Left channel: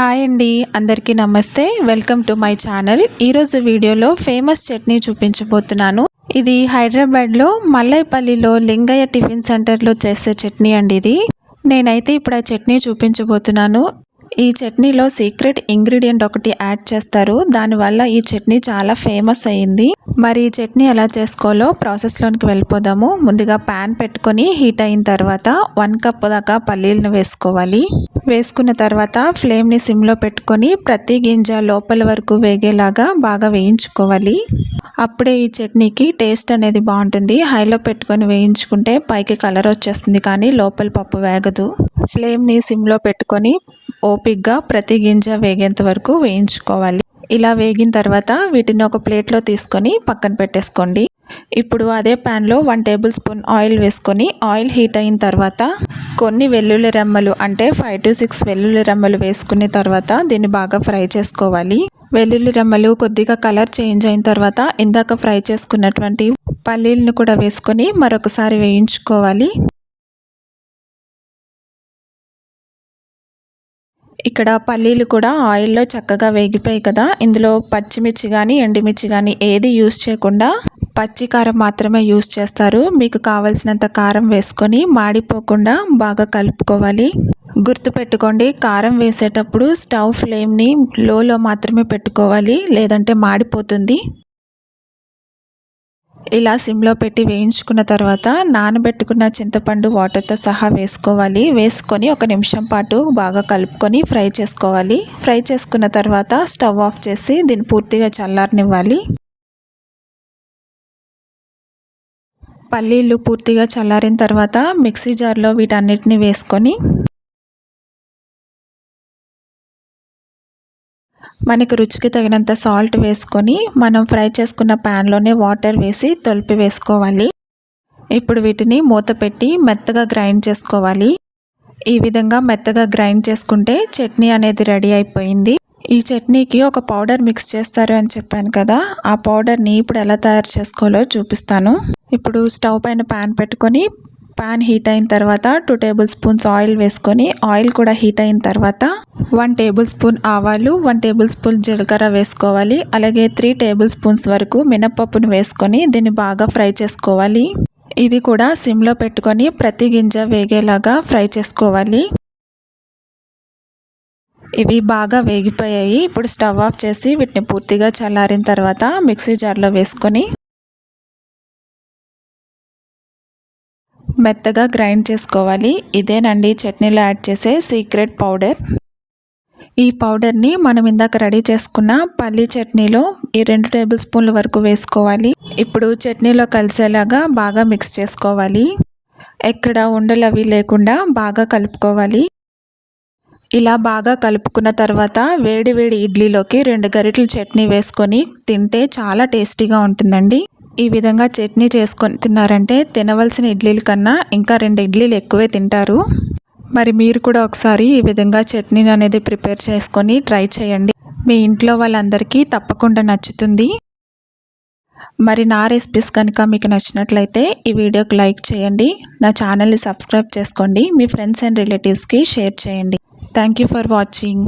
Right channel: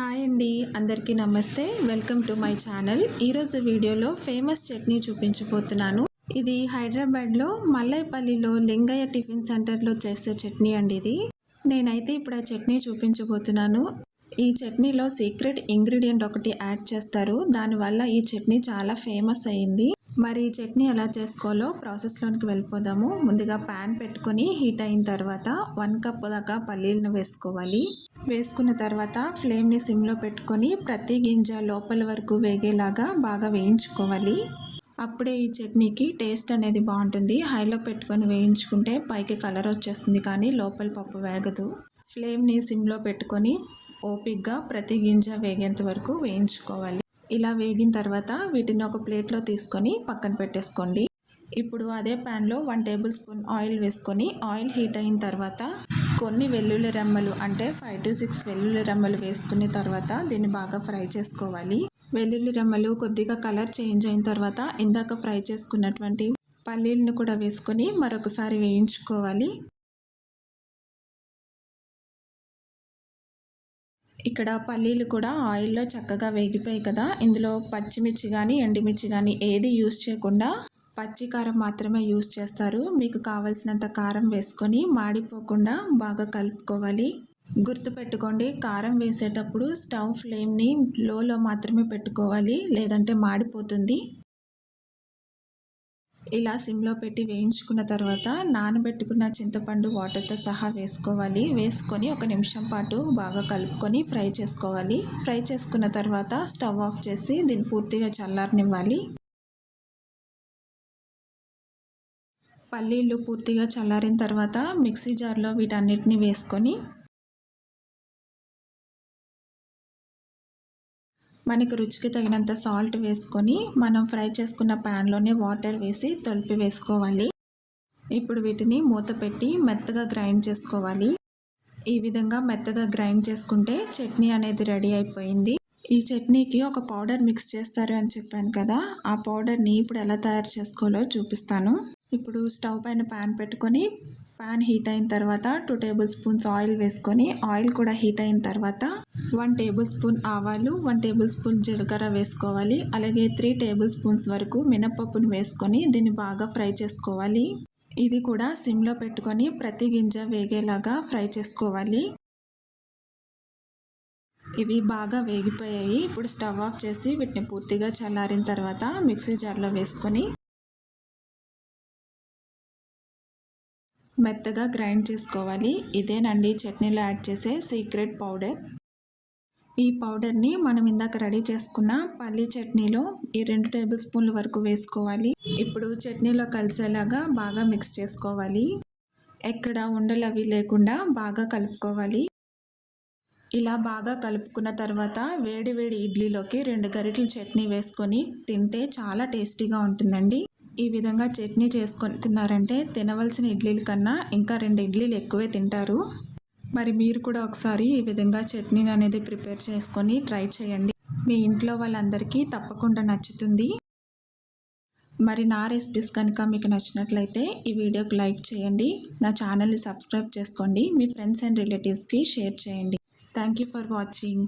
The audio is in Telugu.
హాయ్ అండి అందరికీ నమస్తే. Welcome to my channel. ఈరోజు వీడియోలో ఫేమస్ చట్నీ చూపించబోతున్నాను. ఇది హైదరాబాద్లో మల్లైపల్లిలో లింగయ్య టిఫిన్ సెంటర్లో చేసే చట్నీ అండి ఇది. నేనైతే ఇప్పుడు ఆ చట్నీ చూపించబోతున్నాను. ఈ చట్నీలో సీక్రెట్ ఇంగ్రీడియంట్ ఒకటి యాడ్ చేస్తారు. దానివల్ల ఈ చట్నీ చాలా ఫేమస్ అయ్యింది మరి ఈ చట్నీ ఎలా చేసుకోవాలో ప్రాసెస్లోనికి వెళ్ళిపోదాము. ముందుగా ప్యాన్ పెట్టుకొని హీట్ అయిన తర్వాత వన్ కప్ దాకా పల్లీలను వేసుకోవాలి. వేసుకున్న తర్వాత ఫ్లేమ్ని సిమ్లో పెట్టుకొని ప్రతి గింజ లోపల వరకు వేగేలాగా బాగా వేయించుకోవాలి. అప్పుడే ఈ చట్నీకి టేస్ట్ అనేది బాగుంటుంది. హైలో పెట్టుకొని వేయించుకుంటే పైకి కలర్ వచ్చేస్తుంది కానీ లోపల పప్పు వేగదు. ఫ్లేమ్ని సిమ్లో పెట్టుకొని ఓపిక్గా ప్రతి గింజ వేగేంత వరకు వేయించుకోవాలి. ఇలా వేగిన తర్వాత వీటిని ఒక ప్లేట్లో తీసుకొని పక్కన పెట్టేసుకోండి. ఇప్పుడు అదే ప్యాన్లో వన్ టేబుల్ స్పూన్ ఆయిల్ వేసుకొని ఆయిల్ హీట్ అయిన తర్వాత కొన్ని వెల్లుల్లి రెమ్మలు అంటే ఫైవ్ టు సిక్స్ వెల్లుల్లి రెమ్మలు వేసుకున్న తర్వాత దీన్ని బాగా ఫ్రై చేసుకోవాలి. వెల్లుల్లి రెమ్మలు కొద్దిగా కలర్ చేంజ్ అయిన తర్వాత ఇందాక ఫ్రై చేసుకున్నటువంటి పల్లీలను కూడా వేసుకొని మరొకసారి వేయించుకోవాలి. ఇక్కడ పల్లీలు కూడా ఆయిల్లో చక్కగా వేగిపోయాయి కదా. ఇందులో పచ్చిమిర్చి కానీ ఎండుమిర్చి కానీ ఏది యూస్ చేయకుండా పచ్చి కారం మాత్రమే యూస్ చేస్తారు. మీకు కావలసినంత కారం వేసుకొని మాడిపోకుండా బాగా కలుపుకోవాలి. గుర్తుపెట్టుకోండి కారం వేసేటప్పుడు స్టవ్ ఫ్లేమ్ని లోలో మాత్రమే పెట్టుకోవాలి. లేదంటే మాడిపోతుంది. ఇలా సిమ్లో పెట్టి వేయించుకున్న తర్వాత నానబెట్టుకున్న చింతపండు వాటర్తో సహా వేసుకోవాలి. వేసుకొని ఒక నిమిషం పాటు బాగా కలుపుకొని ఫ్రై చేసుకోవాలి. ఫ్రై చేసుకున్న తర్వాత స్టవ్ ఆఫ్ చేసి దీన్ని పూర్తిగా చల్లారనివ్వాలి. పల్లీలు పూర్తిగా చల్లారిన తర్వాత మిక్సీ జార్లో వీటన్నిటిని వేసుకొని మనకు రుచికి తగినంత సాల్ట్ వేసుకొని మనం ఫ్రై చేసుకున్న ప్యాన్లోనే వాటర్ వేసి తొలిపి వేసుకోవాలి. ఇప్పుడు వీటిని మూత పెట్టి మెత్తగా గ్రైండ్ చేసుకోవాలి. ఈ విధంగా మెత్తగా గ్రైండ్ చేసుకుంటే చట్నీ అనేది రెడీ అయిపోయింది. ఈ చట్నీకి ఒక పౌడర్ మిక్స్ చేస్తారు అని చెప్పాను కదా ఆ పౌడర్ని ఇప్పుడు ఎలా తయారు చేసుకోవాలో చూపిస్తాను. ఇప్పుడు స్టవ్ పైన ప్యాన్ పెట్టుకొని పాన్ హీట్ అయిన తర్వాత టూ టేబుల్ స్పూన్స్ ఆయిల్ వేసుకొని ఆయిల్ కూడా హీట్ అయిన తర్వాత వన్ టేబుల్ స్పూన్ ఆవాలు వన్ టేబుల్ స్పూన్ జీలకర్ర వేసుకోవాలి. అలాగే త్రీ టేబుల్ స్పూన్స్ వరకు మినప్పప్పును వేసుకొని దీన్ని బాగా ఫ్రై చేసుకోవాలి. ఇది కూడా సిమ్లో పెట్టుకొని ప్రతి గింజ వేగేలాగా ఫ్రై చేసుకోవాలి. ఇవి బాగా వేగిపోయాయి. ఇప్పుడు స్టవ్ ఆఫ్ చేసి వీటిని పూర్తిగా చల్లారిన తర్వాత మిక్సీ జార్లో వేసుకొని మెత్తగా గ్రైండ్ చేసుకోవాలి. ఇదేనండి చట్నీలో యాడ్ చేసే సీక్రెట్ పౌడర్. ఈ పౌడర్ని మనం ఇందాక రెడీ చేసుకున్న పల్లీ చట్నీలో ఈ రెండు టేబుల్ స్పూన్ల వరకు వేసుకోవాలి. ఇప్పుడు చట్నీలో కలిసేలాగా బాగా మిక్స్ చేసుకోవాలి. ఎక్కడ ఉండలు అవి లేకుండా బాగా కలుపుకోవాలి. ఇలా బాగా కలుపుకున్న తర్వాత వేడి వేడి ఇడ్లీలోకి రెండు గరిటెలు చట్నీ వేసుకొని తింటే చాలా టేస్టీగా ఉంటుందండి. ఈ విధంగా చట్నీ చేసుకొని తిన్నారంటే తినవలసిన ఇడ్లీల కన్నా ఇంకా రెండు ఇడ్లీలు ఎక్కువే తింటారు. మరి మీరు కూడా ఒకసారి ఈ విధంగా చట్నీని అనేది ప్రిపేర్ చేసుకొని ట్రై చేయండి. మీ ఇంట్లో వాళ్ళందరికీ తప్పకుండా నచ్చుతుంది. మరి నా రెసిపీస్ కనుక మీకు నచ్చినట్లయితే ఈ వీడియోకి లైక్ చేయండి. నా ఛానల్ని సబ్స్క్రైబ్ చేసుకోండి. మీ ఫ్రెండ్స్ అండ్ రిలేటివ్స్కి షేర్ చేయండి. Thank you for watching.